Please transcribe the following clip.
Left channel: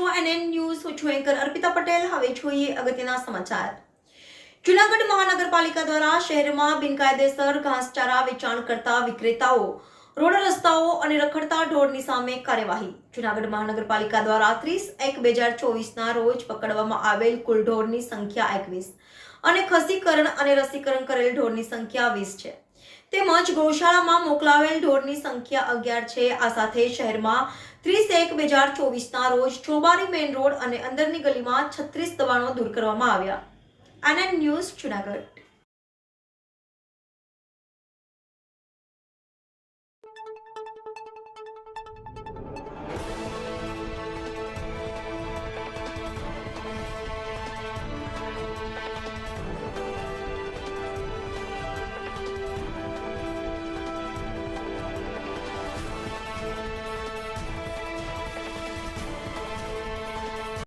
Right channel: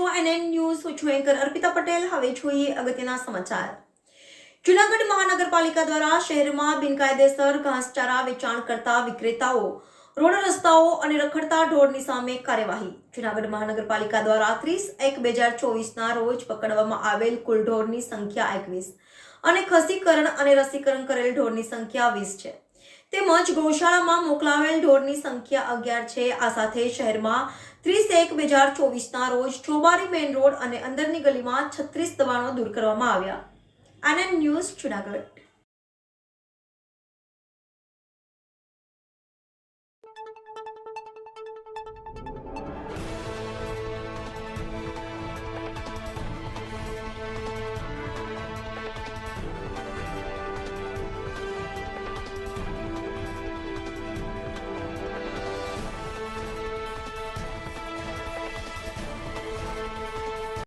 છો NN news. હું છું એન્કર અર્પિતા પટેલ. હવે જોઈએ અગત્યના સમાચાર. જૂનાગઢ મહાનગરપાલિકા દ્વારા શહેરમાં બિનકાયદેસર ઘાસચારા વેચાણ કરતા વિક્રેતાઓ, રોડ રસ્તાઓ અને રખડતા ઢોરની સામે કાર્યવાહી. જૂનાગઢ મહાનગરપાલિકા દ્વારા 30/1/2024ના રોજ પકડવામાં આવેલ કુલ ઢોરની સંખ્યા 21 અને ખસીકરણ અને રસીકરણ કરેલ ઢોરની સંખ્યા 20 છે. તેમજ ગૌશાળામાં મોકલાવેલ ઢોરની સંખ્યા 11 છે. આ સાથે શહેરમાં 30/1/2024ના રોજ ચોબારી મેઇન રોડ અને અંદરની ગલીમાં 36 દબાણો દૂર કરવામાં આવ્યા. NN news Junagadh.